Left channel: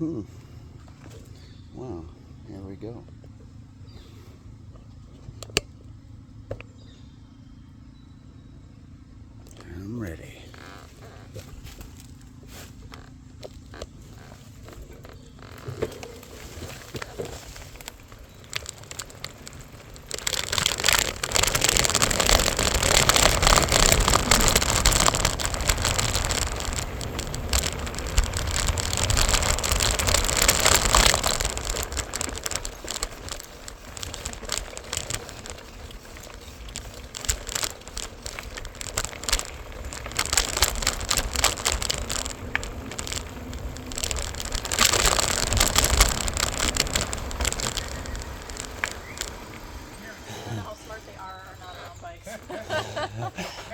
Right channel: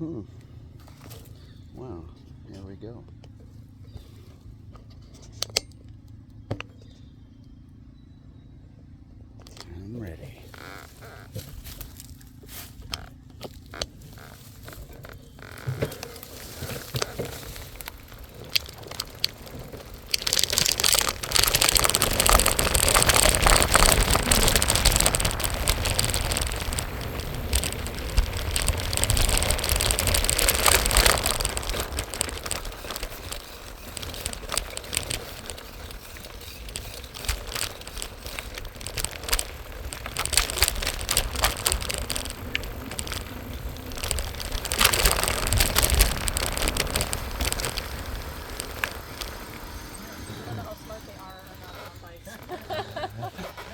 Wow, there we go. I'm ready.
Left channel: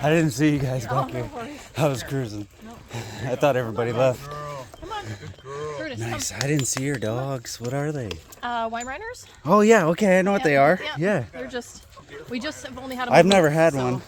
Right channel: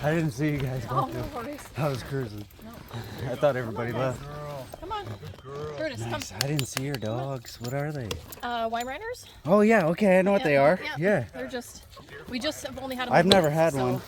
I didn't see you guys back here. I was cruising. I thought everybody left. Come on. Curtis, Nice. I didn't see your dogs. What are they? Weimaraners? Oh yeah. Okay, I know what they are. Yeah. They're just. We just have only had them. I've never had one.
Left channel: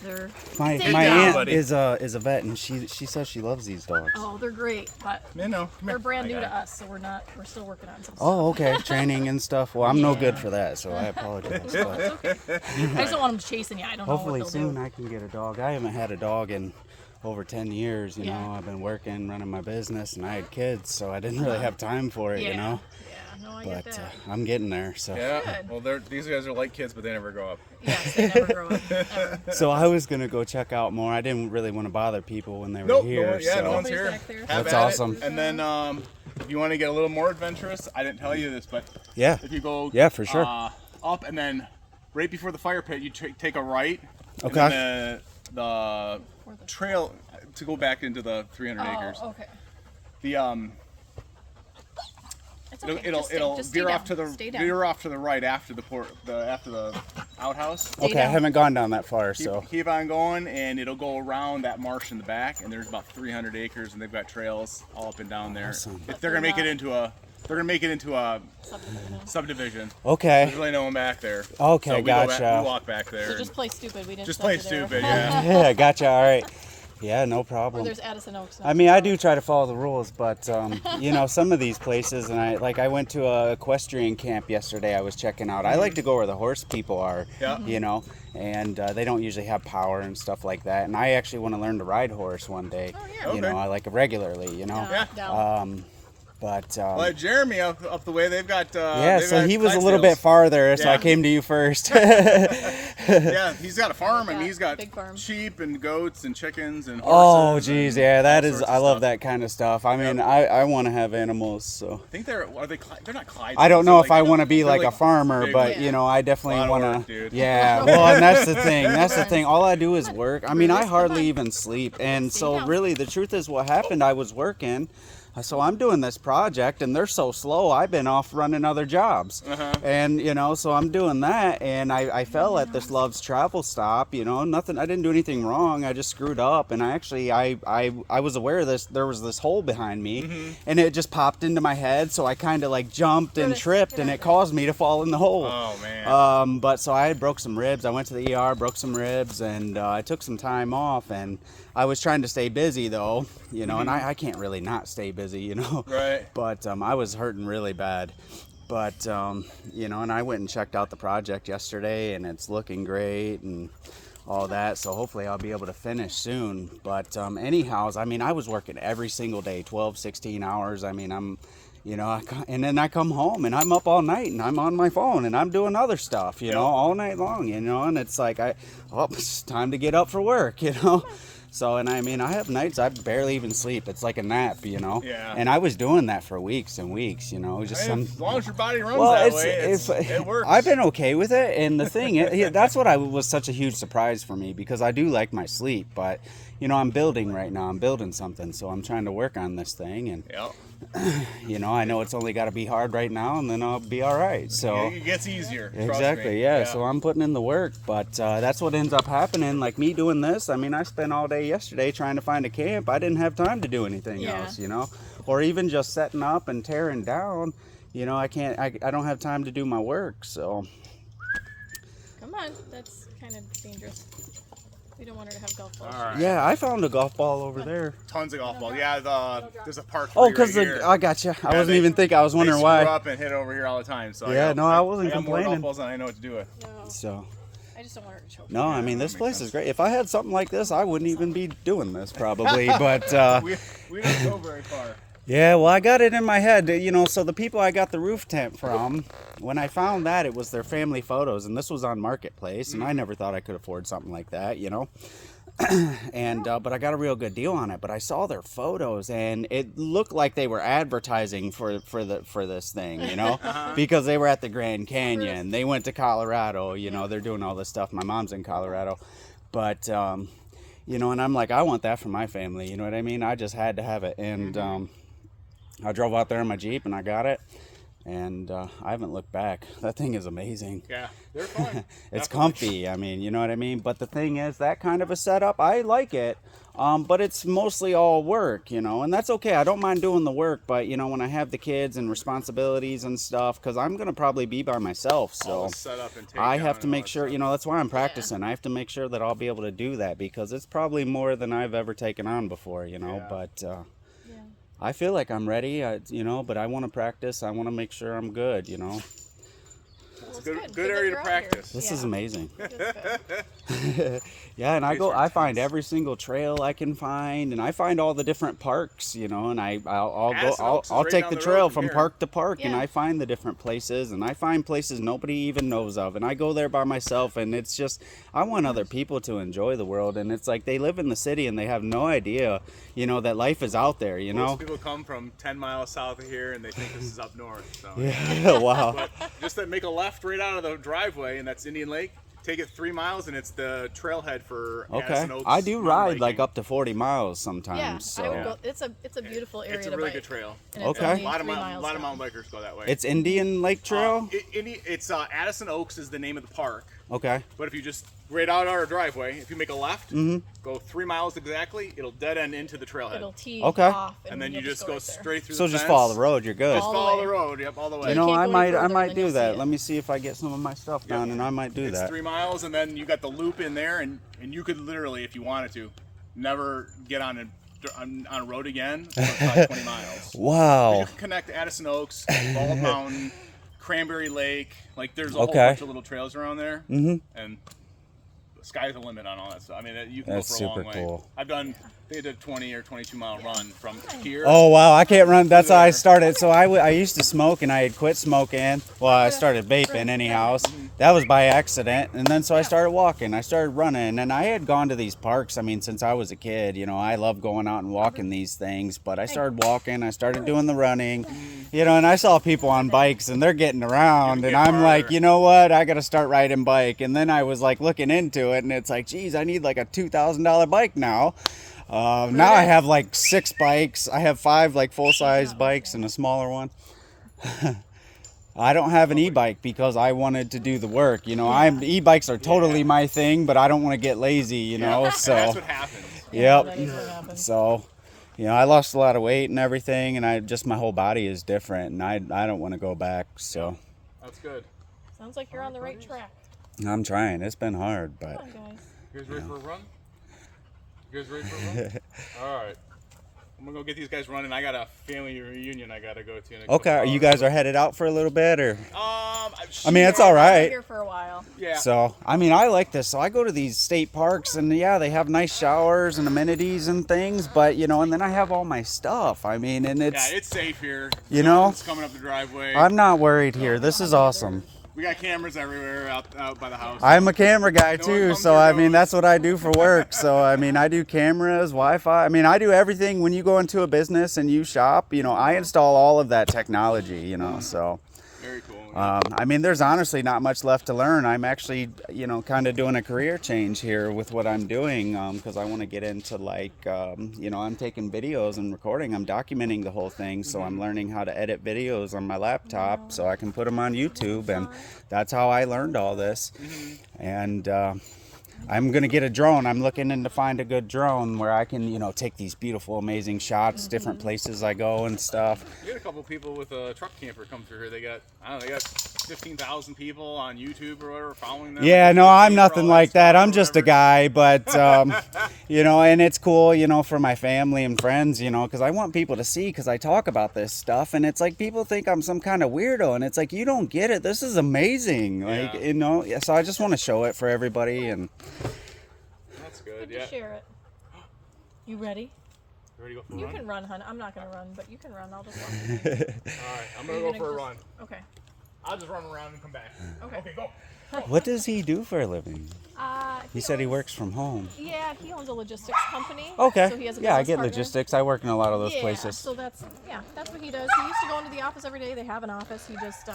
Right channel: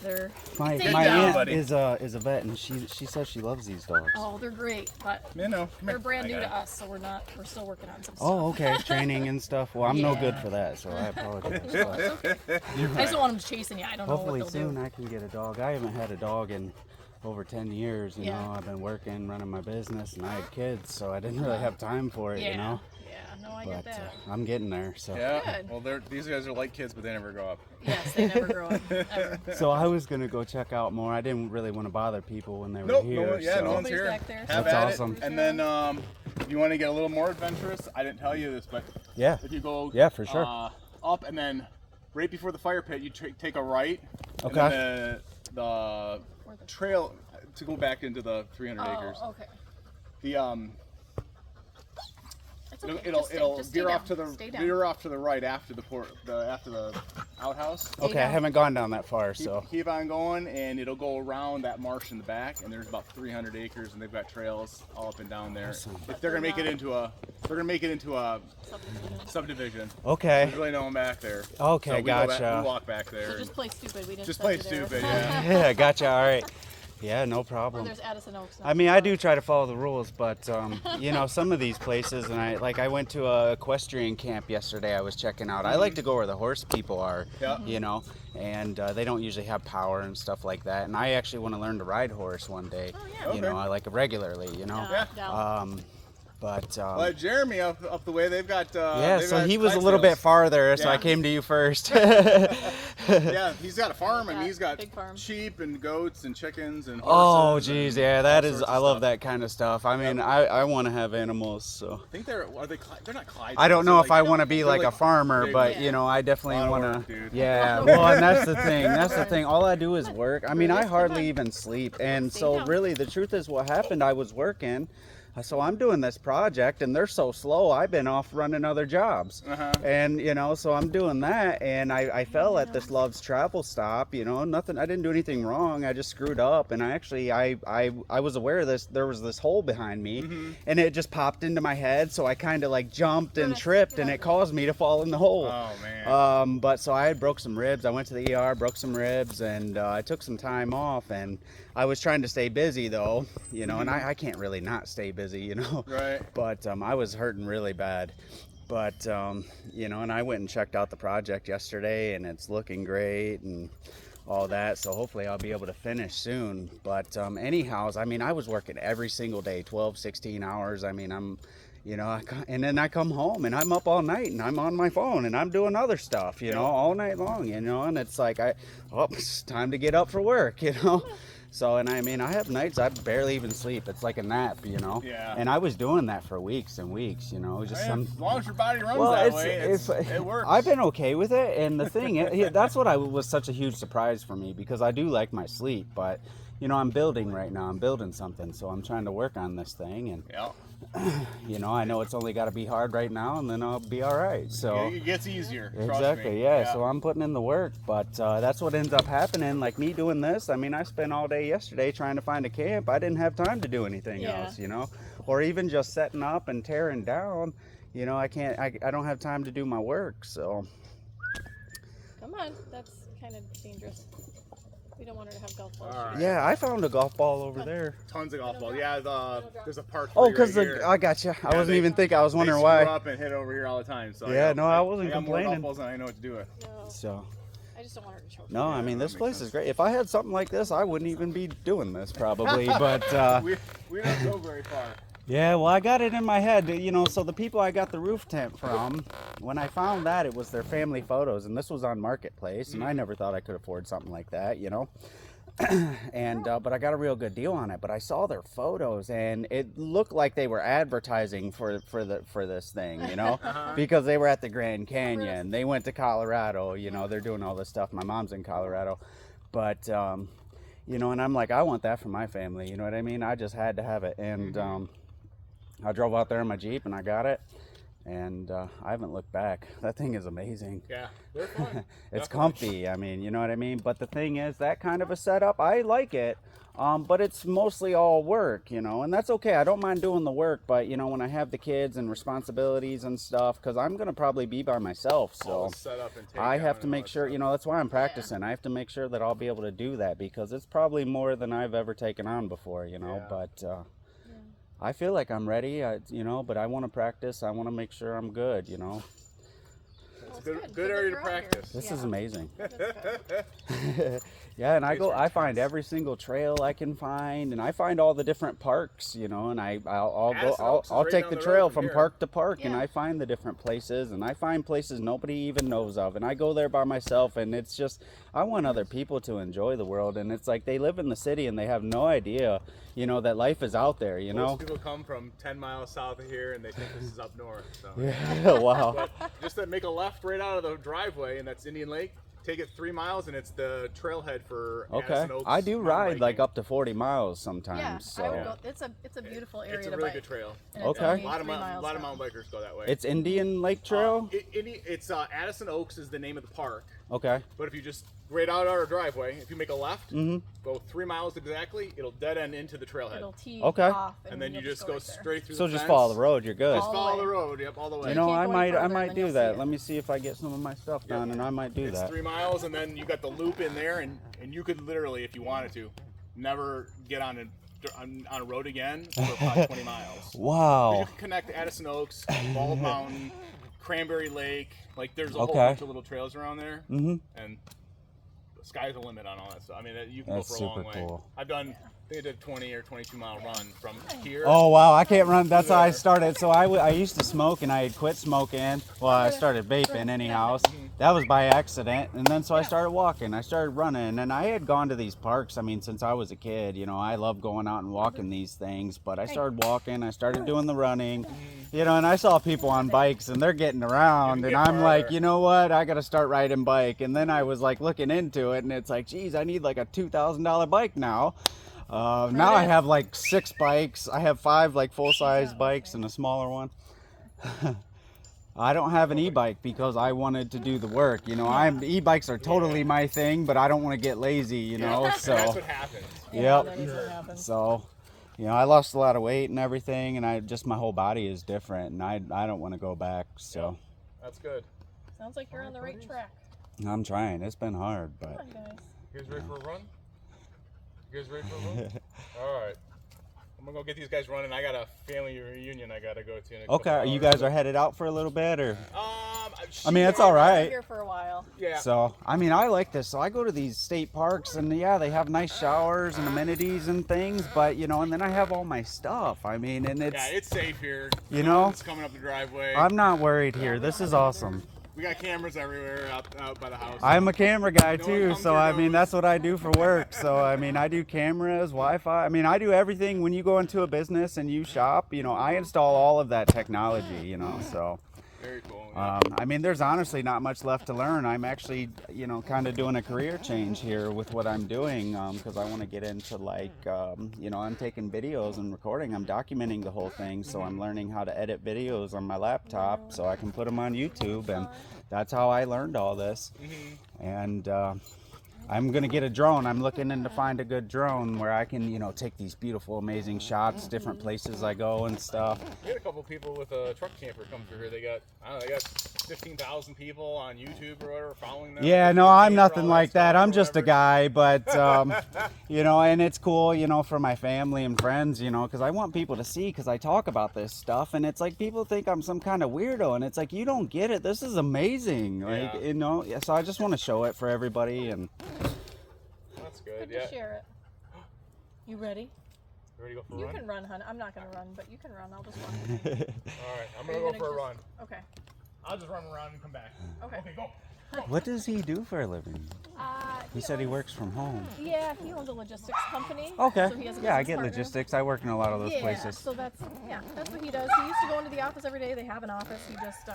They're. My aunt is a vet, and she says she loves these dogs. Oh, they're great, but they're brand new to us, so we're still working on some stuff. Oh, okay. Training and stuff. Well, I'm no good for that, so I apologize. No, it's okay. I just don't want them chasing you. I don't know Hopefully what they'll soon I can get a dog. I haven't had a dog in over 10 years, you know. I've been working, running my business, and I had kids, so I didn't really have time for it, you know. No, I get that. I'm getting there, so. Yeah, well, these guys are like kids, but they never grow up. Yes, they never grow up, ever. So I was going to go check out more. I didn't really want to bother people when they were here. No one's here. Back there. That's awesome. And then if you want to get a little more adventurous, I didn't tell you this, but if you go for sure. Up and then right before the fire pit, you take a right. Okay. And then the trail to go back into the 300 acres. Okay. The It's okay. It'll just veer stay off to down. the Stay down. veer off to the right after the outhouse. Stay Okay, I down. haven't gone down that far, so. Keep on going, and it'll go around that marsh in the back. And there's about 300 acres, and they've got trails all up and down there. Awesome. If they're gonna make it into a subdivision. Okay. There's really no one back there. Okay, so we gotcha. We walk back there. So just play stupid. We didn't just stop play you there. stupid. Yeah. Yeah, gotcha. All right. Yeah, no problem. There's Addison Oaks. I mean, I do try to follow the rules, but you know, some of these places, and I went to a equestrian camp yesterday. I was checking out. I like to go where the horse people are, you know, and they don't usually have power and stuff like that. And I actually want to learn to ride horse one day. You know, I like it regularly. You know, but well, Jeremy up the way, they've got so he was a little bit farther, so I came to you first. Yeah, he's got a farm, and he's got sheep and goats and chickens and horses. Oh geez, yeah, that is, I love that kind of stuff. I mean, I want to have animals, so I think they're not Clyde. I don't know if I want to be like a farmer, but you know, I definitely want to. Yeah, well, and that's the thing. All I do is work. I mean, I hardly even sleep, and so really, the truth is, what happened? I was working. So I'm doing this project, and they're so slow. I've been off running other jobs, and you know, so I'm doing that, and I fell at this Love's Travel stop. You know, nothing. I didn't do anything wrong. I just screwed up, and I was aware of this. There was this hole behind me, and it just popped into my head. So I kind of like jumped and tripped, and it caused me to fall in the hole. Oh man. But so I broke some ribs. I went to the ER, broke some ribs, and I took some time off, and I was trying to stay busy though, you know, and I can't really not stay busy, you know. Right. But I was hurting really bad. But, you know, and I went and checked out the project yesterday, and it's looking great and all that. So hopefully I'll be able to finish soon. But anyhow, I mean, I was working every single day, 12, 16 hours. I mean, you know, and then I come home and I'm up all night and I'm on my phone and I'm doing other stuff, you know, all night long, you know, and it's like, it's time to get up for work, you know. So, and I mean, I have nights I barely even sleep. It's like a nap, you know. Yeah. And I was doing that for weeks and weeks, you know. Just as long as your body runs that way, it works. I've been okay with it, and the thing, that's what was such a huge surprise for me, because I do like my sleep, but you know, I'm building right now. I'm building something, so I'm trying to work on this thing, and you know, I know it's only got to be hard right now, and then I'll be all right. So it gets easier. Exactly, yeah. So I'm putting in the work, but that's what ends up happening. Like me doing this, I mean, I spent all day yesterday trying to find a camp. I didn't have time to do anything else, you know, or even just setting up and tearing down. You know, I don't have time to do my work. So come on, that's kind of dangerous. We don't want her to have golf balls. All right. Yeah, I found a golf ball over there. Tons of golf balls. Yeah, there's a park. Oh, because I got you. I wasn't even thinking. I was wondering why. They screw up and hit over here all the time. So yeah, no, I wasn't I got more complaining. golf balls than I know what to do with. No. So. I just don't want her to choke. No, I mean this place is great. If I had something like this, I wouldn't even be doing this probably. But we don't go very far. yeah, well, I got it in my head, you know. So the people I got the roof tent from, when I found that, it was their family photos, and this was on Marketplace, and I never thought I could afford something like that, you know. And but I got a real good deal on it. But I saw their photos, and it looked like they were advertising for this thing, you know, because they were at the Grand Canyon. They went to Colorado, you know. They're doing all this stuff. My mom's in Colorado, but you know, and I'm like, I want that for my family. You know what I mean? I just had to have it, and I drove out there in my Jeep, and I got it. And I haven't looked back. That thing is amazing. Yeah, they're fun. It's comfy. I mean, you know what I mean? But the thing is, that kind of a setup, I like it. But it's mostly all work, you know, and that's okay. I don't mind doing the work, but, you know, when I have the kids and responsibilities and stuff, because I'm going to probably be by myself, so I have to make sure, you know, that's why I'm practicing. I have to make sure that I'll be able to do that, because it's probably more than I've ever taken on before, you know, but... I feel like I'm ready, you know, but I want to practice. I want to make sure I'm good, you know. It's a good area to practice. This is amazing. Yeah, and I find every single trail I can find, and I find all the different parks, you know, and I'll take the trail from park to park, and I find the different places, and I find places nobody even knows of, and I go there by myself, and it's just, I want other people to enjoy the world, and it's like they live in the city and they have no idea, you know, that life is out there, you know. Most people come from 10 miles south of here and they think this is up north. So. Yeah, wow. But just to make a left right out of the driveway, and that's Indian Lake. Take it 3 miles, and it's the trailhead for Addison Oaks. I do ride like up to 40 miles sometimes. Yeah, so. I would go. It's a beautiful area. It's a really good trail. Okay. A lot of mountain bikers go that way. It's Indian Lake Trail? It's Addison Oaks is the name of the park. Okay. But if you just right out our driveway, if you make a left, go 3 miles exactly, it'll dead end into the trailhead. It'll tee okay. off, and then you just go straight through. So the just fence. follow the road. You're good. Just follow the road. Yep, all the way. You know, I might do that. Let me see if I get some of my stuff down, and I might do that. It's 3 miles, and then you got the loop in there, and you could literally, if you wanted to, never get on a road again for probably 20 miles. Wow. You can connect Addison Oaks, Bald Mountain, Cranberry Lake. Like there's a whole bunch of little trails around there, and the sky's the limit on all that stuff. I mean, you can go for a long way. That's super cool. I think I did a 20 or 22 mile run from here. Oh wow, I can't run. That's how I started. So I used to smoke, and I had quit smoking. Well, I started vaping anyhow. That was by accident, and then so I started walking. I started running, and I had gone to these parks. I mean, since I was a kid, you know, I love going out and walking these things. But I started walking. I started doing the running, you know, and I saw people on bikes, and they're getting around, and I'm like, you know what? I got to start riding bike. And then I was like looking into it, and it's like, geez, I need like a $2,000 bike now. Now I have like 6 bikes. I have 5 like full-size bikes and a smaller one. I don't have an e-bike because I wanted to do the work. You know, e-bikes are totally my thing, but I don't want to get lazy. You know, so that's what happens. Yep. That is what happens. So, you know, I lost a lot of weight and everything, and my whole body is different, and I don't want to go back. So that's good. Sounds like you're on the right track. I'm trying. It's been hard, but. Come on, guys. You guys ready for a run? You guys ready for a run? All right. I'm gonna go get these guys running. I got a family reunion I gotta go to. Okay, are you guys headed out for a little bit, or? I mean, it's all right. Here for a while. Yeah. So, I mean, I like this. So I go to these state parks, and yeah, they have nice showers and amenities and things, but you know, and then I have all my stuff. I mean, and it's safe here. You know, it's coming up the driveway. I'm not worried here. This is awesome. We got cameras everywhere out by the house. I'm a camera guy too, so I mean that's what I do for work. So I mean I do cameras, Wi-Fi. I mean I do everything. When you go into a business and you shop, you know, I install all of that technology. You know, so. Very cool. I mean, there's honestly not much left to learn. I'm actually, you know, kind of doing a career change here with what I'm doing because I want to get into like, you know, I'm taking videos and recording. I'm documenting the whole thing, so I'm learning how to edit videos on my laptop so I can put them on YouTube, and that's how I learned all this. And I'm going to get a drone. I'm looking in to find a good drone where I can, you know, take these beautiful, amazing shots, different places I go and stuff. We had a couple people with a truck camper come through here. They got 15,000 people on YouTube or whatever following them. Yeah, no, I'm nothing like that. I'm just a guy, but you know, and it's cool, you know, for my family and friends, you know, because I want people to see, because I talk about this stuff, and it's like people think I'm some kind of weirdo, and it's like, you don't get it. This is amazing, like, you know. Yeah, so I just want to show it for everybody, and that's good. Good to share it. You ready? You ready to go for a run? run? You can run, hun. I'm not gonna run, but you can run. I'll just walk. All right, I'm gonna go for a run. Okay. I'll just run around and come back. Okay, go. What does he do for a living? He said he works from home. Yeah, he owns a logistics company. Okay. So he has a yeah, I business get partner. logistics. I work in a lot of those Yeah, places. so that's what he does. He used to go into the office every day. They have an office. He just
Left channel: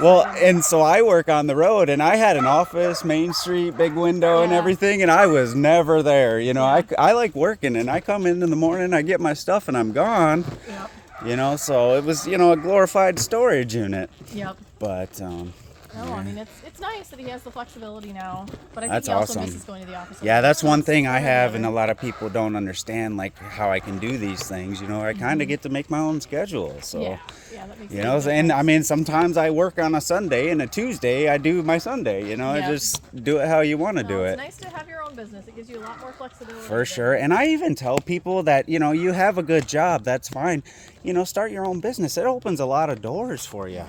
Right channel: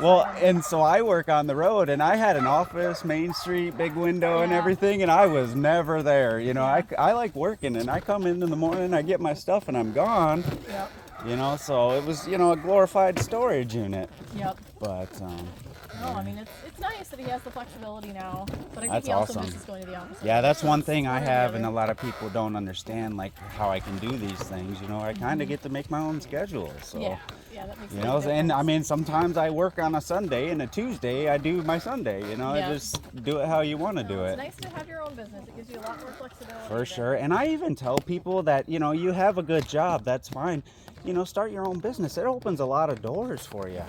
well, and so I work on the road, and I had an office, Main Street, big window and everything, and I was never there. You know, I like working, and I come in the morning, I get my stuff, and I'm gone. Yep. You know, so it was, you know, a glorified storage unit. Yep. But no, I mean it's nice that he has the flexibility now, but I think that's he also awesome. misses going to the office. Yeah, that's one thing I have, and a lot of people don't understand, like how I can do these things. You know, I kind of get to make my own schedule. So yeah, that makes you know, and I mean, sometimes I work on a Sunday, and a Tuesday I do my Sunday. You know, I just do it how you want to do it. It's nice to have your own business. It gives you a lot more flexibility. For sure, and I even tell people that, you know, you have a good job, that's fine. You know, start your own business. It opens a lot of doors for you.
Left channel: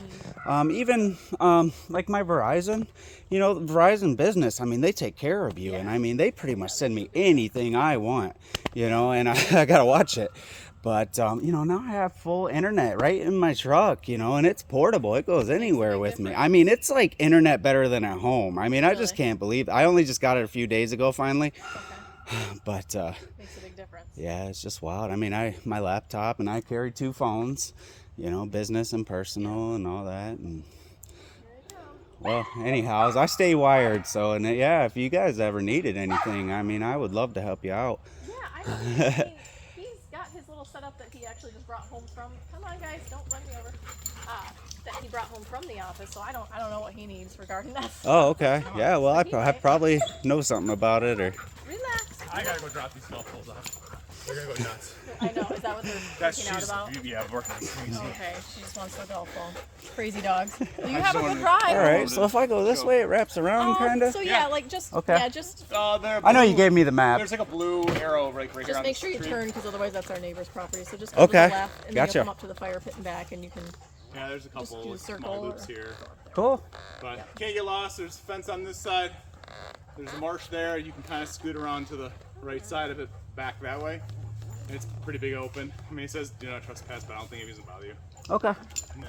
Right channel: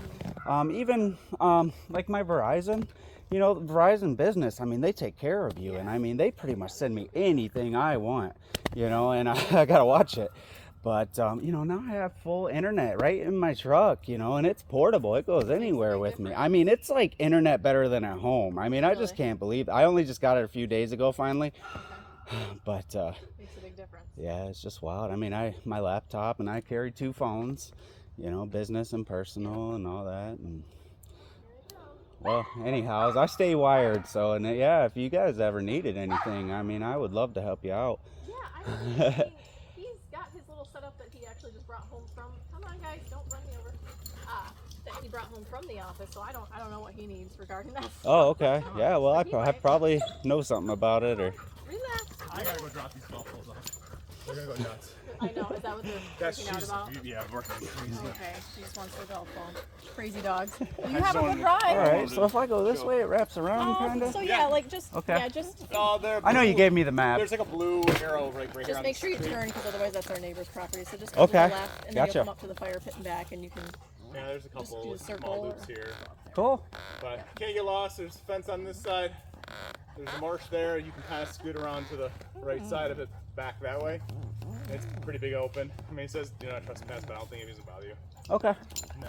Even like my Verizon, you know, Verizon Business, I mean, they take care of you. And I mean, they pretty much send me anything I want, you know, and I got to watch it. But, you know, now I have full internet right in my truck, you know, and it's portable. It goes anywhere with me. I mean, it's like internet better than at home. I mean, I just can't believe it. I only just got it a few days ago, finally. But, makes a big difference. Yeah, it's just wild. I mean, my laptop, and I carry 2 phones, you know, business and personal and all that. And well, anyhow, I stay wired. So, and yeah, if you guys ever needed anything, I mean, I would love to help you out. Yeah, I mean, he's got his little setup that he actually just brought home from. Come on, guys, don't run me over. That he brought home from the office. So I don't know what he needs regarding that. Oh, okay. Yeah, well, I probably know something about it, or. Relax. I gotta go drop these golf balls off. They're gonna go nuts. I know. Is that what they're freaking out about? Yeah, working crazy. Okay, she just wants the golf ball. Crazy dogs. Well, you have a good ride. All right. So if I go this way, it wraps around, kind of. So yeah, like just I know you gave me the map. There's like a blue arrow right here. Just on make the sure you screen. turn, because otherwise that's our neighbor's property. So just go to the left, and then you'll come up to the fire pit and back, and you can. Yeah, there's a couple do a circle small loops here. Cool. But can't get lost. There's a fence on this side. There's a marsh there. You can kind of scoot around to the right side of it, back that way. It's pretty big open. I mean, it says do not trespass, but I don't think it doesn't bother you. Okay.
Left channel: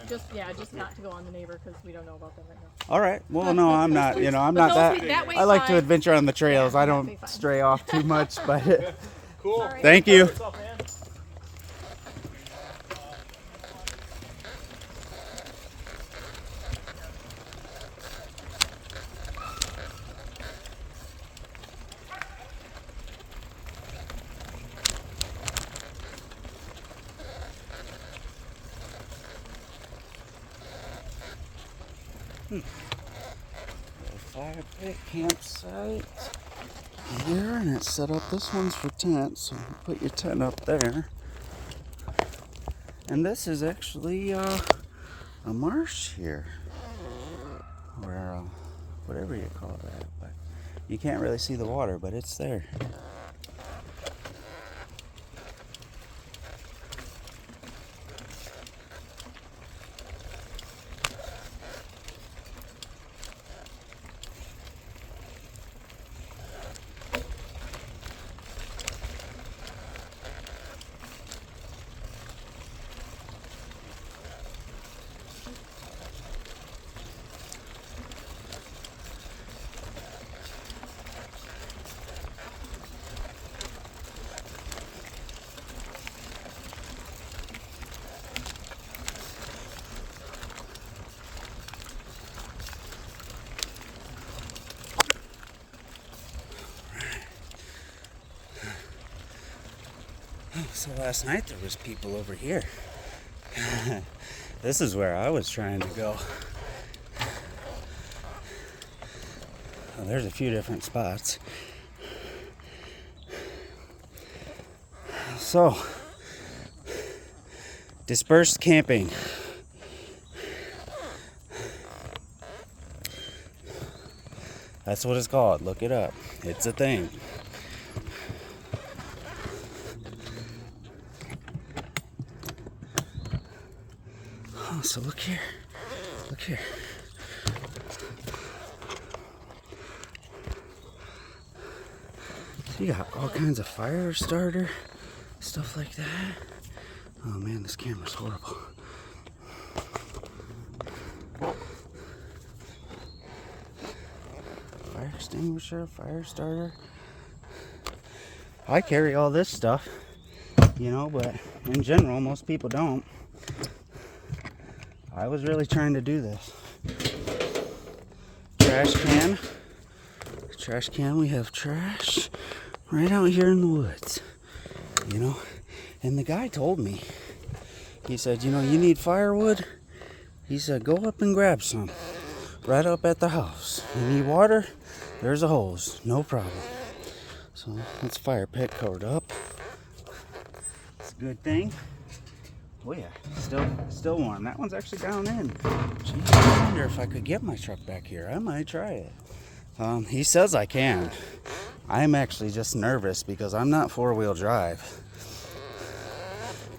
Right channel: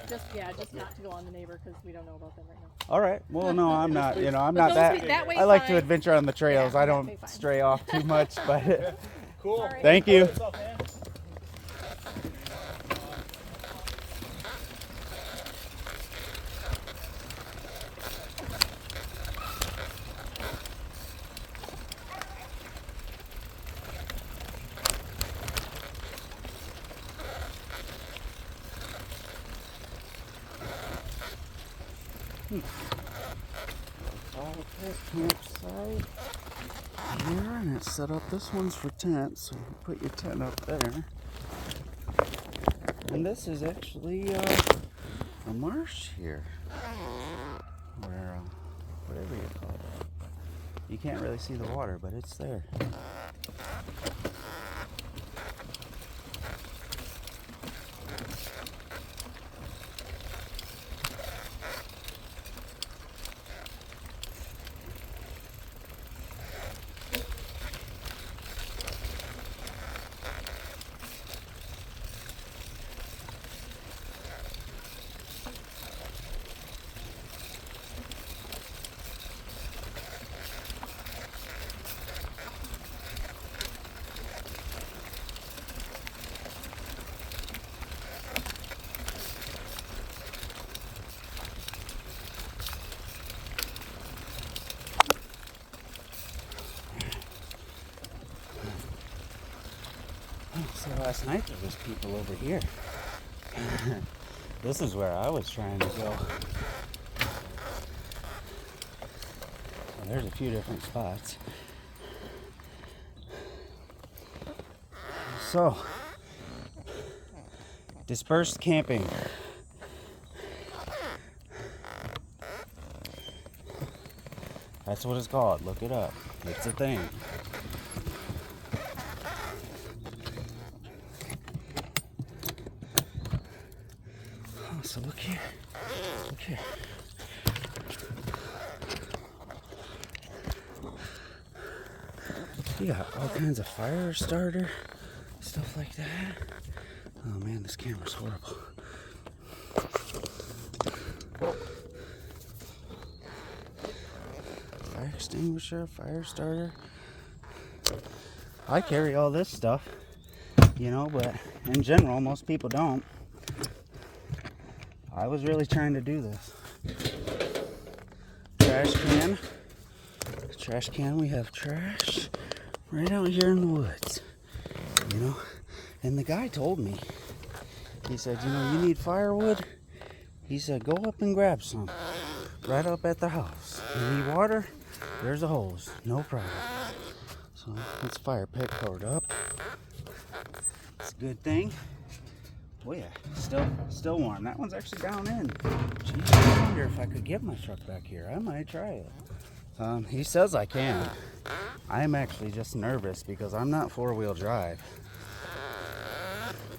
Just not to go on the neighbor, because we don't know about them right now. All right. Well, no, I'm not. You know, I'm But not that way I like to fine. adventure on the trails. Yeah, I that don't way fine. stray off too much, but Cool. All right. thank you. What's up, man? Fire pit campsite here, and it's set up. This one's for tents, so put your tent up there. And this is actually a marsh here, or whatever you call it. But you can't really see the water, but it's there. So last night there was people over here. This is where I was trying to go. Well, there's a few different spots. So, dispersed camping. That's what it's called. Look it up. It's a thing. Oh, so look here. Look here. You got all kinds of fire starter, stuff like that. Oh man, this camera's horrible. Fire extinguisher, fire starter. I carry all this stuff, you know, but in general, most people don't. I was really trying to do this. Trash can. Trash can, we have trash right out here in the woods, you know. And the guy told me, he said, you know, you need firewood? He said, go up and grab some right up at the house. You need water? There's a hose, no problem. So this fire pit covered up. It's a good thing. Oh yeah, still warm. That one's actually down in. Geez, I wonder if I could get my truck back here. I might try it. He says I can. I'm actually just nervous because I'm not four-wheel drive.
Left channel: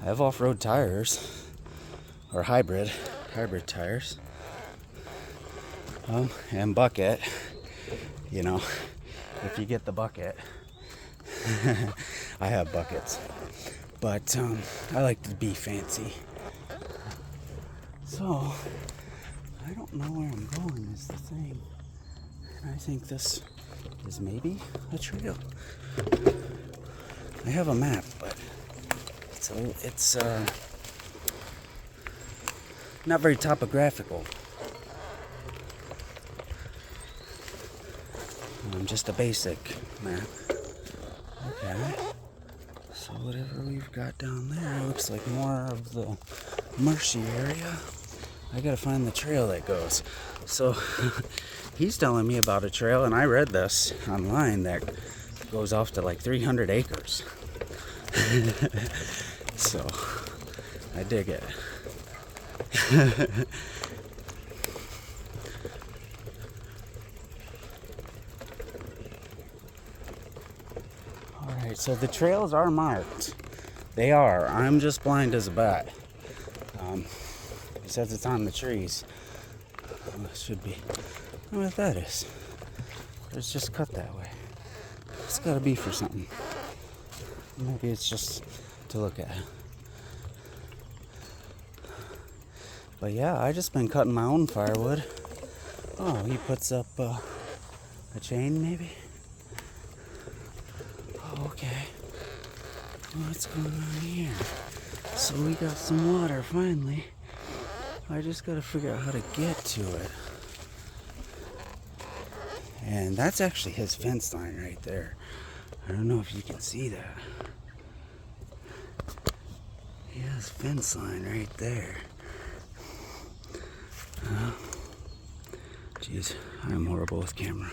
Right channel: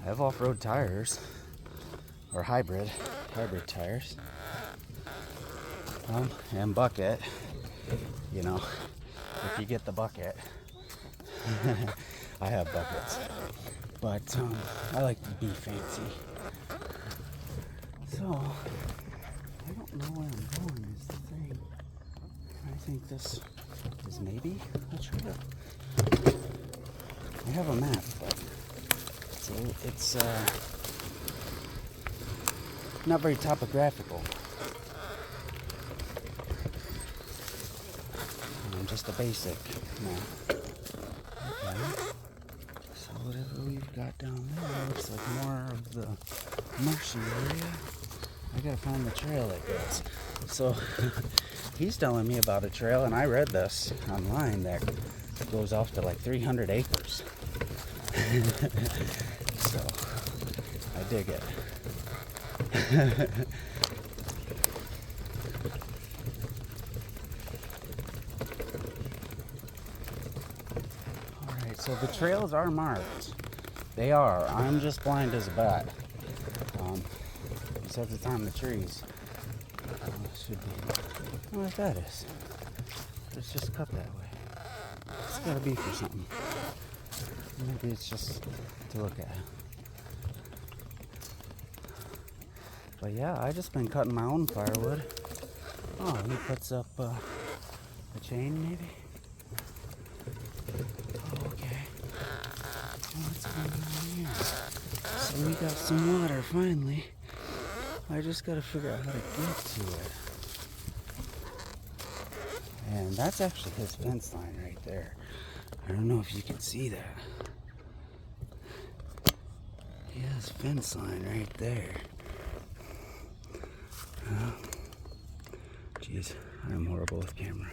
I have off-road tires, or hybrid tires, and bucket. You know, if you get the bucket. I have buckets, but I like to be fancy. So I don't know where I'm going is the thing. I think this is maybe a trail. I have a map, but it's not very topographical. Just a basic map. Okay. So whatever we've got down there looks like more of the marshy area. I gotta find the trail that goes. So he's telling me about a trail, and I read this online that goes off to like 300 acres. So I dig it. Alright, so the trails are marked. They are. I'm just blind as a bat. It says it's on the trees. It should be. I don't know what that is. It's just cut that way. It's gotta be for something. Maybe it's just to look at. But yeah, I just been cutting my own firewood. Oh, he puts up a chain maybe? Oh, okay. What's going on here? So we got some water finally. I just gotta figure out how to get to it. And that's actually his fence line right there. I don't know if you can see that. He has fence line right there. Jeez, I'm horrible with camera.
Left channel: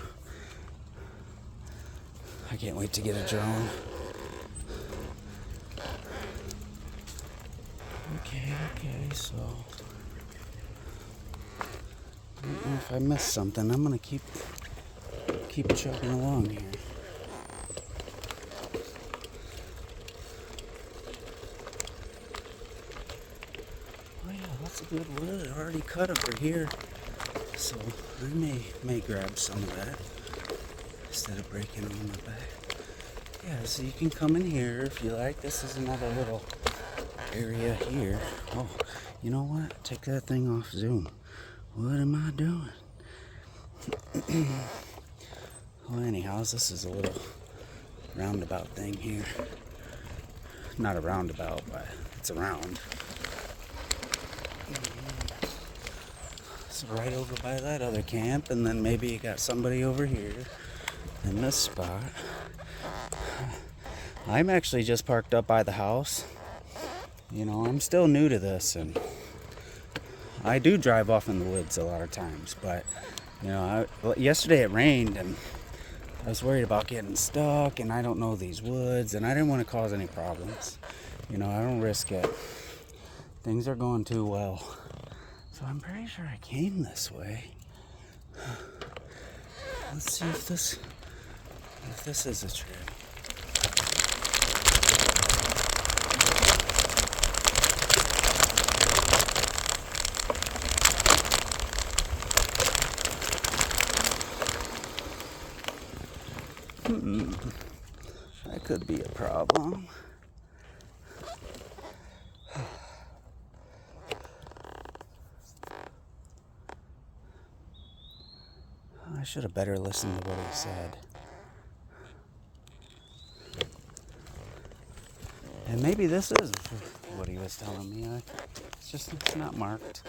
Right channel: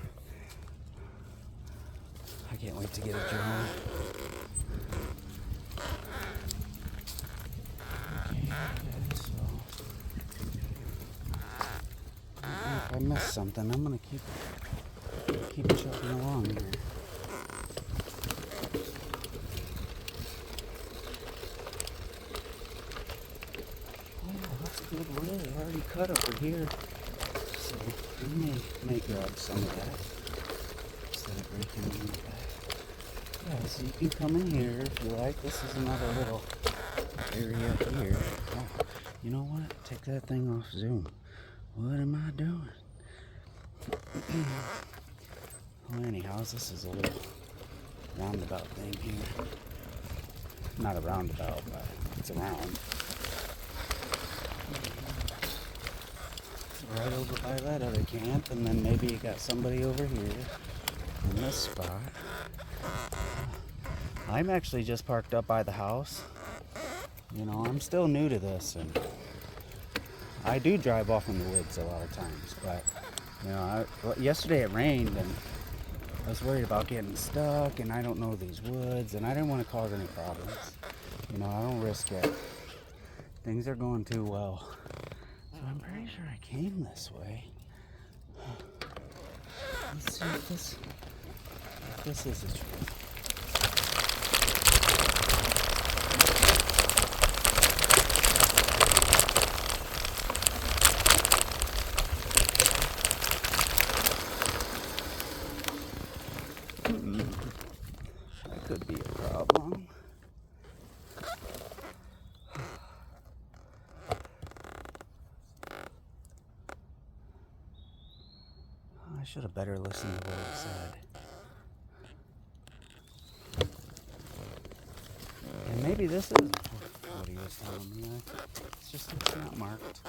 I can't wait to get a drone. Okay, so I don't know if I missed something. I'm gonna keep chugging along here. Oh yeah, that's a good wood. I already cut over here, so I may grab some of that instead of breaking it in the back. Yeah, so you can come in here if you like. This is another little area here. Oh, you know what? Take that thing off Zoom. What am I doing? Well, anyhow, this is a little roundabout thing here. Not a roundabout, but it's a round. So right over by that other camp, and then maybe you got somebody over here in this spot. I'm actually just parked up by the house. You know, I'm still new to this, and I do drive off in the woods a lot of times, but you know, yesterday it rained, and I was worried about getting stuck, and I don't know these woods, and I didn't want to cause any problems. You know, I don't risk it. Things are going too well. So I'm pretty sure I came this way. Let's see if this is a tree. That could be a problem. I should have better listened to what he said. And maybe this is what he was telling me. It's not marked.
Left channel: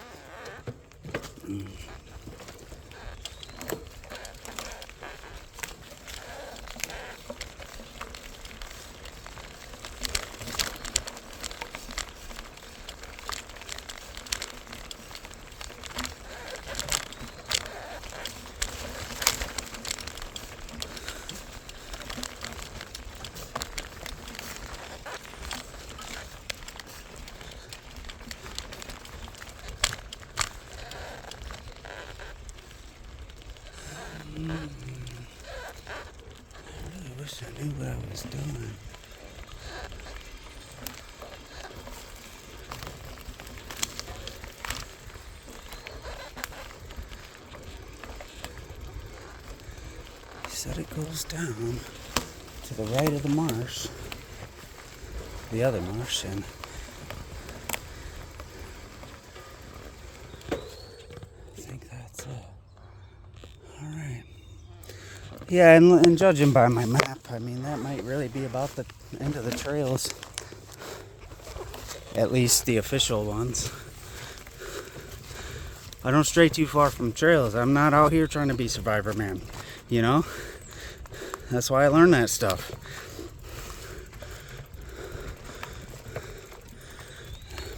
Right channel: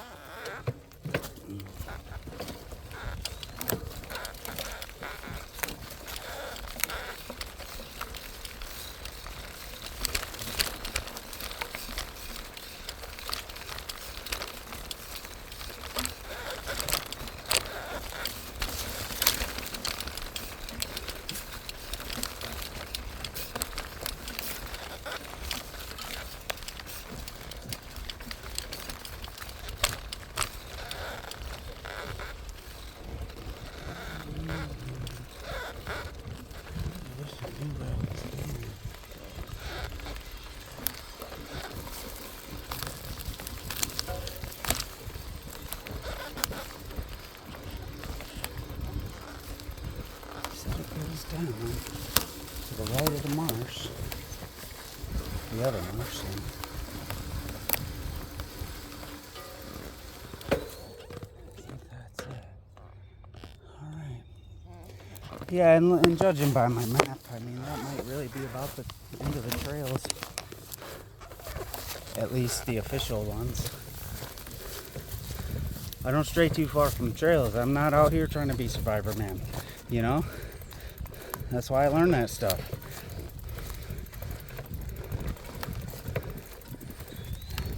I knew what I was doing. He said it goes down to the right of the marsh, the other marsh, and I think that's it. All right. Yeah, and judging by my map, I mean, that might really be about the end of the trails. At least the official ones. I don't stray too far from trails. I'm not out here trying to be Survivor Man, you know? That's why I learned that stuff.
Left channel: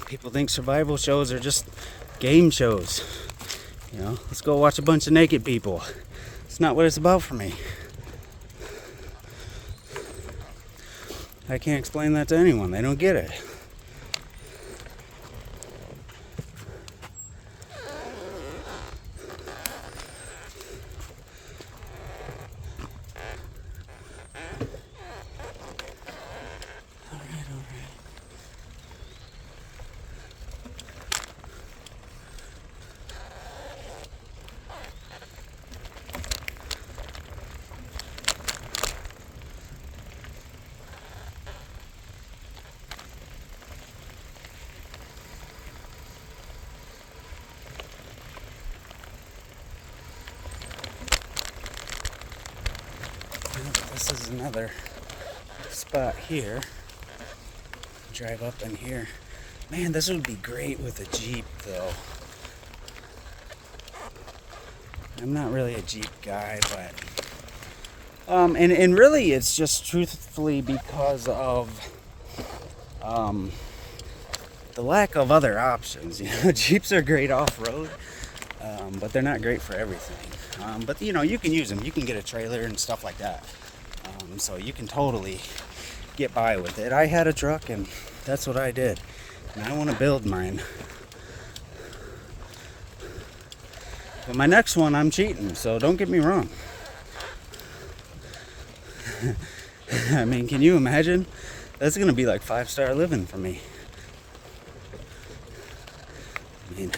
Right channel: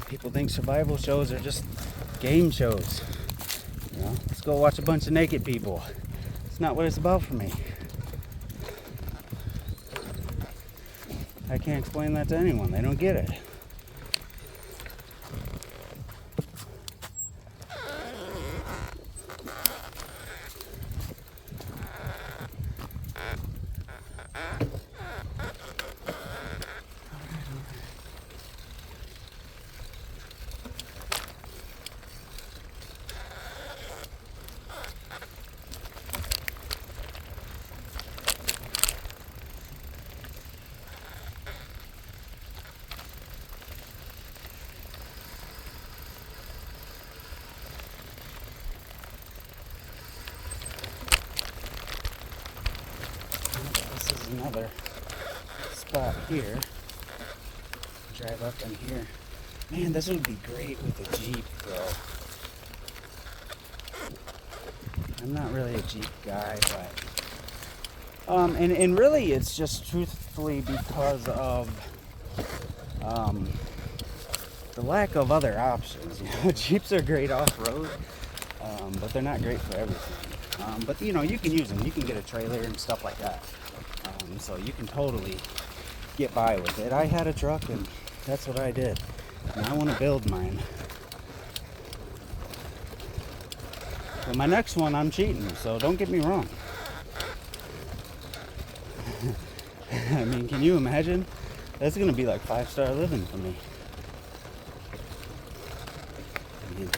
People think survival shows are just game shows. You know, let's go watch a bunch of naked people. It's not what it's about for me. I can't explain that to anyone. They don't get it. This is another spot here. Drive up in here. Man, this would be great with a Jeep, though. I'm not really a Jeep guy, but and really it's just truthfully because of the lack of other options. You know, Jeeps are great off-road, but they're not great for everything. But you know, you can use them. You can get a trailer and stuff like that. So you can totally get by with it. I had a truck and that's what I did. And I want to build mine. But my next one, I'm cheating, so don't get me wrong. I mean, can you imagine? That's going to be like 5-star living for me. I mean,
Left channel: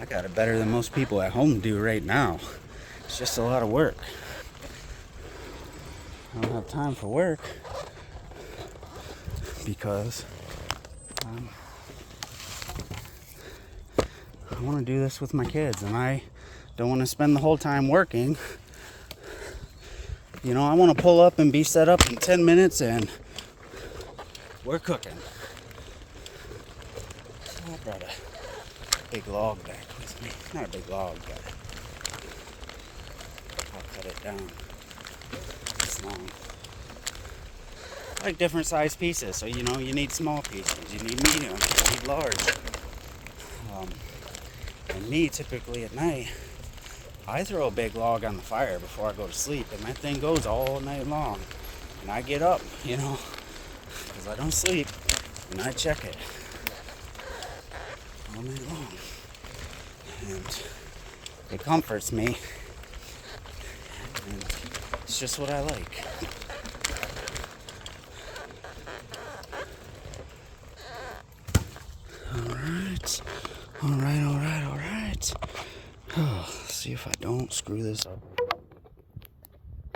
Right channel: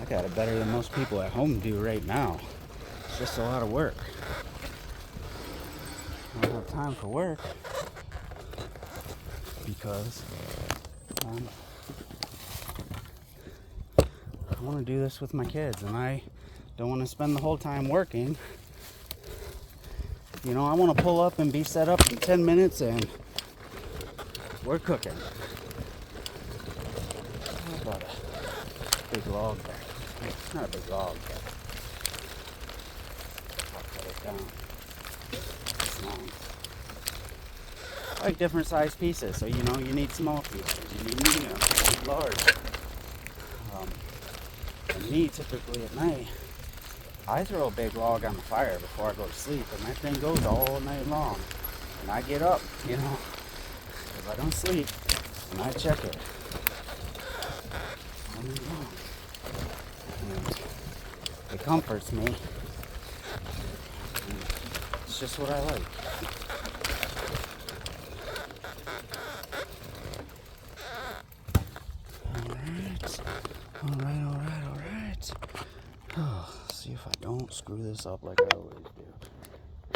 I got it better than most people at home do right now. It's just a lot of work. I don't have time for work because I want to do this with my kids, and I don't want to spend the whole time working. You know, I want to pull up and be set up in 10 minutes and we're cooking. So I brought a big log back with me. Not a big log, but I'll cut it down. I like different size pieces, so you know, you need small pieces, you need medium, you need large. And me, typically at night, I throw a big log on the fire before I go to sleep, and that thing goes all night long. And I get up, you know, because I don't sleep, and I check it all night long. And it comforts me. just what I like. All right. See if I don't screw this up like I